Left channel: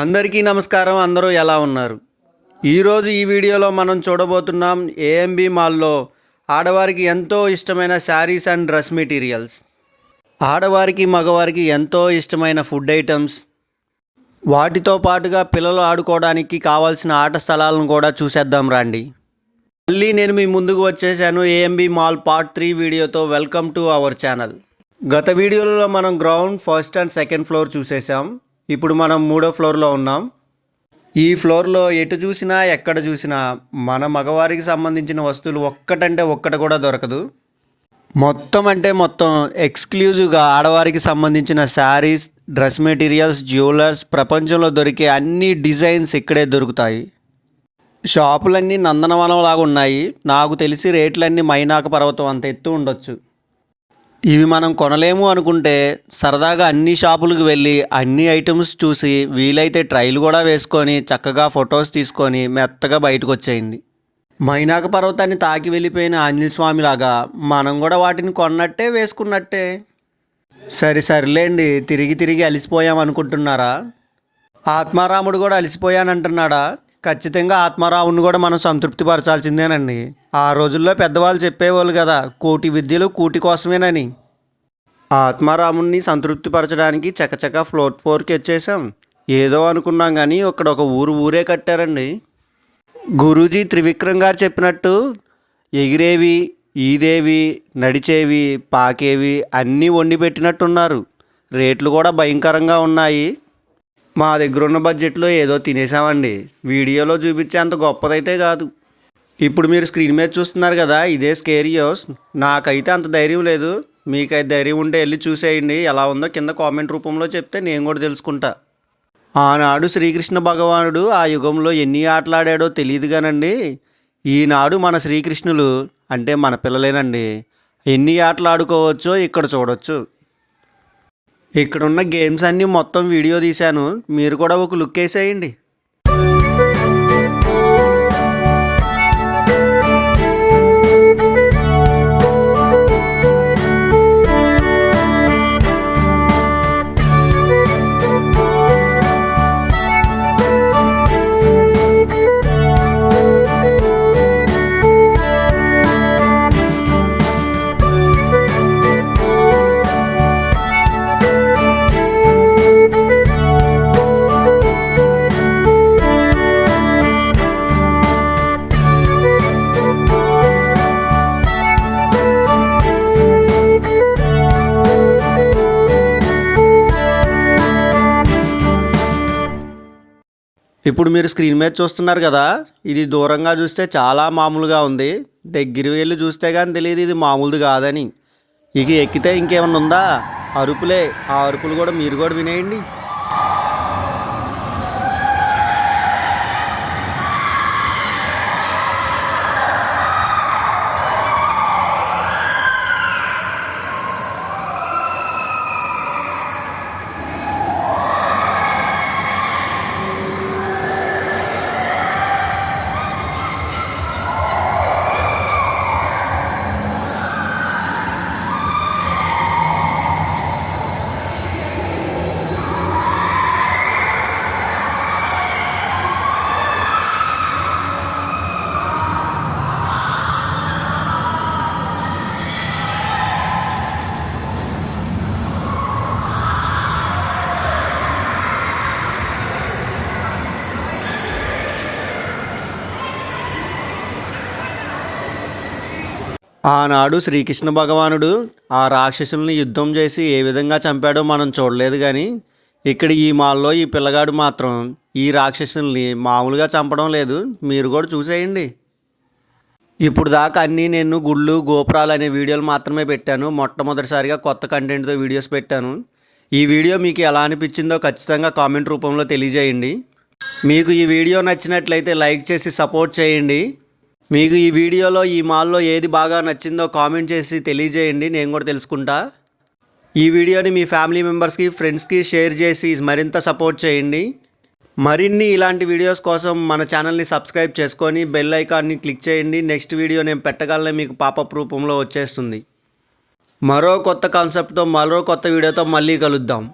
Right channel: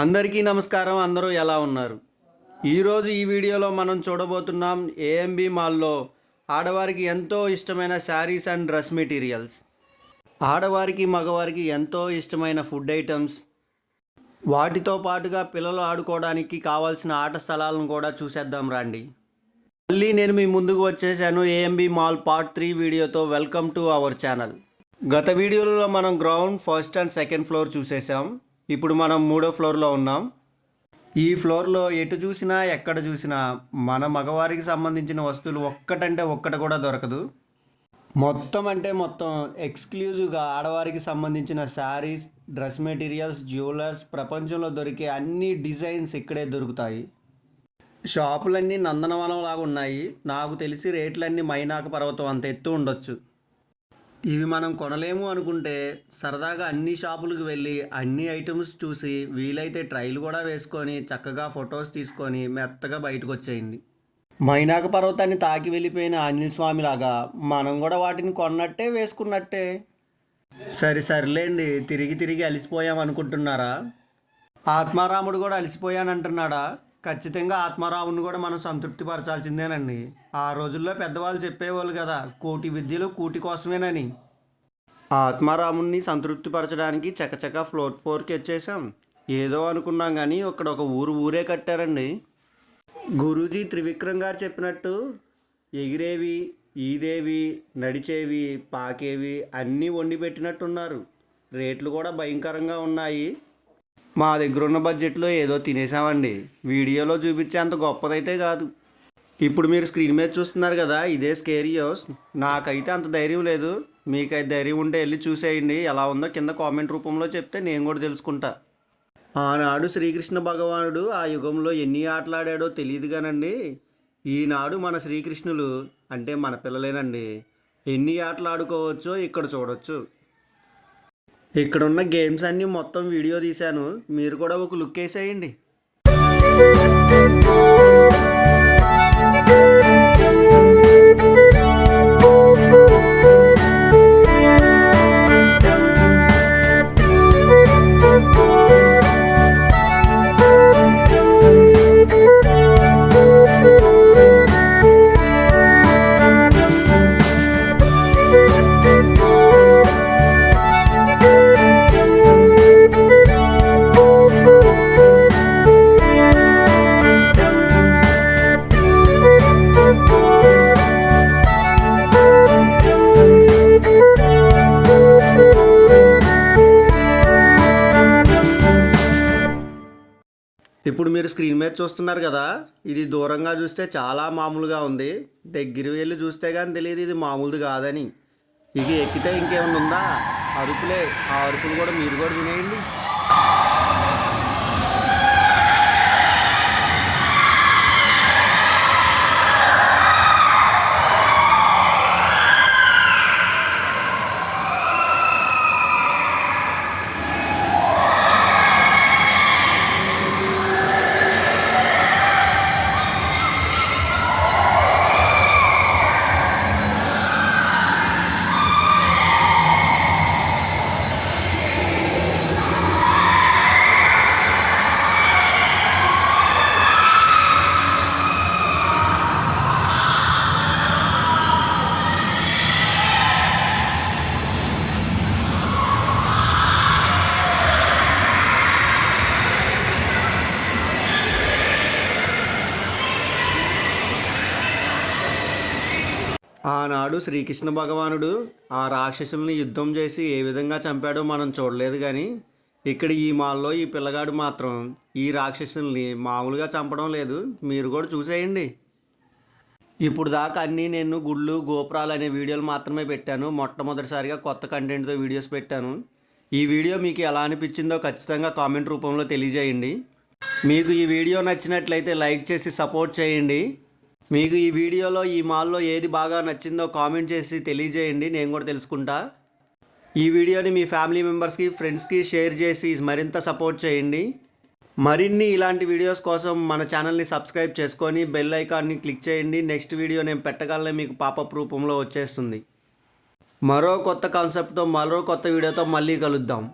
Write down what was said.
అందరికీ నమస్కారం. అందరూ ఎలా ఉన్నారు? ఈరోజు ఈ వీడియోలో మనం చూడబోతున్నాం ఏఎంబి మాల్లో ఆడవారికి ఎంతో ఇష్టమైన శారీస్ అండ్ డ్రెస్ మెటీరియల్స్, ఆడవారికి మగవారికి ఎంతో ఇష్టమైన ఫుడ్ ఐటమ్స్, వాటితో పాటుగా పిల్లలు ఆడుకోవడానికి కావాల్సిన ఆట స్థలాలను కూడా చూసేద్దాం రండి. మళ్ళీ నేను మీ ముందుకు వచ్చేసాను ఏఎంబి మాల్ పార్ట్ 3 వీడియోతో. Welcome to our channel. గత వీడియోలో మనం ground, first and second floor చూసేసాం. ఇప్పుడు మనం 3వ ఫ్లోర్లో ఉన్నాం. ఈ ఫ్లోర్లో ఎటు చూసినా ఎక్కడ చూసినా మన మగవారికి సంబంధించిన వస్తువులు ఒక్కటంటే ఒక్కటి కూడా దొరకదు. మొత్తం అంటే మొత్తం ఎక్స్క్లూజివ్గా ఆడవారికి సంబంధించిన శారీస్, డ్రెస్ మెటీరియల్స్, జ్యువెలర్స్, ప్రపంచంలో దొరికే అన్ని డిజైన్స్ ఇక్కడే దొరుకుతాయి. షాపులన్నీ నందనవనంలాగా ఉన్నాయి. నాకు తెలిసి రేట్లన్నీ మైనాక పర్వతం అంత ఎత్తు ఉండొచ్చు. ఇవి మనం కొనలేము అనుకుంటే సరదాగా అన్ని షాపులకు వెళ్ళి అన్ని ఐటమ్స్ చూసి వీలైతే ట్రైల్ కూడా వేసుకొని చక్కగా ఫొటోస్ తీసుకొని మెత్తగా బయటకు వచ్చేయండి. మైనాక పర్వతాన్ని తాకి వెళ్ళిపోయిన ఆంజనేయ స్వామిలాగా మనం కూడా వాటిని కొన్నట్టే వేసుకున్నట్టే. సరిలేండి, తిరిగి తిరిగి అలసిపోయాం అనుకుంటున్నారా? ఆత్మారాముడు కూడా అలసిపోయానంటున్నాడా? ఖచ్చితంగా ఆత్మారాముడిని కూడా మనం సంతృప్తిపరచాల్సిందేనండి. ఆ రోజుల్లో పెద్దవాళ్ళు చెప్పేవాళ్ళు కదా, కోటి విద్యలు కూటి కోసమేనని. ఆత్మారాముడిని సంతృప్తిపరచడానికి చకచక ఫ్లోర్ 4కి వచ్చేసాం. ఏదో అనుకున్నాం కానీ ఇక్కడ ఒక ఊరే కట్టారండి. గురూజీ త్రివిక్రమ్ గారు చెప్పినట్టు ఎగిరేవి, ఈదేవి, నడిచేవి, పాకేవి అన్నీ వండి పెట్టినట్టున్నారు. రేట్లు కూడా భయంకరంగా ఉన్నాయి. మా దగ్గర ఉన్న బడ్జెట్లో ఏదో తినేసామండి. వీడియోలో చూపించే అంత గొప్పదైతే కాదు. ఇప్పుడు మీరు స్క్రీన్ మీద చూస్తున్నారు కదా, ఇదే స్కేరియోస్. నాకైతే అంత ధైర్యం లేదు. మీకైతే ధైర్యం ఉంటే వెళ్ళి చూసేయండి. ఎలా ఉందో కింద కామెంట్ రూపంలో చెప్తే నేను కూడా తెలుసుకుంటా. ఆనాడు శ్రీకృష్ణ భగవానుడు ఆ యుగంలో ఎన్ని ఆటలాడాడో తెలియదు కానండి, ఈనాడు మన శ్రీకృష్ణులు అంటే మన పిల్లలేనండి ఎన్ని ఆటలు ఆడుకోవచ్చో ఇక్కడ చూడొచ్చు. ఇక్కడున్న గేమ్స్ అన్నీ మొత్తం వీడియో తీశాను, మీరు కూడా ఒక లుక్ వేసేయండి. ఇప్పుడు మీరు స్క్రీన్ మీద చూస్తున్నారు కదా, ఇది దూరంగా చూస్తే చాలా మామూలుగా ఉంది. దగ్గర వెళ్ళి చూస్తే కానీ తెలియదు ఇది మామూలుది కాదని. ఇక ఎక్కితే ఇంకేమన్నా ఉందా? అరుపులే. ఆ అరుపులు కూడా మీరు కూడా వినేయండి. ఆనాడు శ్రీకృష్ణ భగవానుడు ఆ రాక్షసుల్ని యుద్ధం చేసి ఏ విధంగా చంపాడో మనం చూడలేదు, కానీ ఇక్కడ ఈ మాల్లో ఈ పిల్లగాడు మాత్రం ఈ రాక్షసుల్ని మామూలుగా చంపడం లేదు. మీరు కూడా చూసేయండి. ఇప్పుడు దాకా అన్నీ నేను గుళ్ళు, గోపురాలు అనే వీడియోలు మాత్రమే పెట్టాను. మొట్టమొదటిసారిగా కొత్త కంటెంట్తో వీడియోస్ పెట్టాను. ఈ వీడియో మీకు ఎలా అనిపించిందో ఖచ్చితంగా కామెంట్ రూపంలో తెలియజేయండి. మీకు ఈ వీడియో నచ్చినట్లయితే లైక్ చేసి సపోర్ట్ చేయండి. మీకు ఈ వీడియోలో ఈ మాల్లో ఏది బాగా నచ్చిందో కామెంట్ చేసి తెలియజేయండి, నేను కూడా తెలుసుకుంటా. ఈ వీడియోని మీ ఫ్యామిలీ మెంబర్స్కి, ఫ్రెండ్స్కి షేర్ చేసి మరింత సపోర్ట్ చేయండి. మరిన్ని ఇలాంటి వీడియోస్ కోసం మన ఛానల్ని సబ్స్క్రైబ్ చేసుకొని బెల్ ఐకాన్ని క్లిక్ చేయండి. నెక్స్ట్ వీడియో నేను పెట్టగలనే మీకు పాపప్ రూపంలో వచ్చేస్తుంది. మరో కొత్త కాన్సెప్ట్తో మరో కొత్త వీడియోతో మళ్ళీ కలుద్దాం.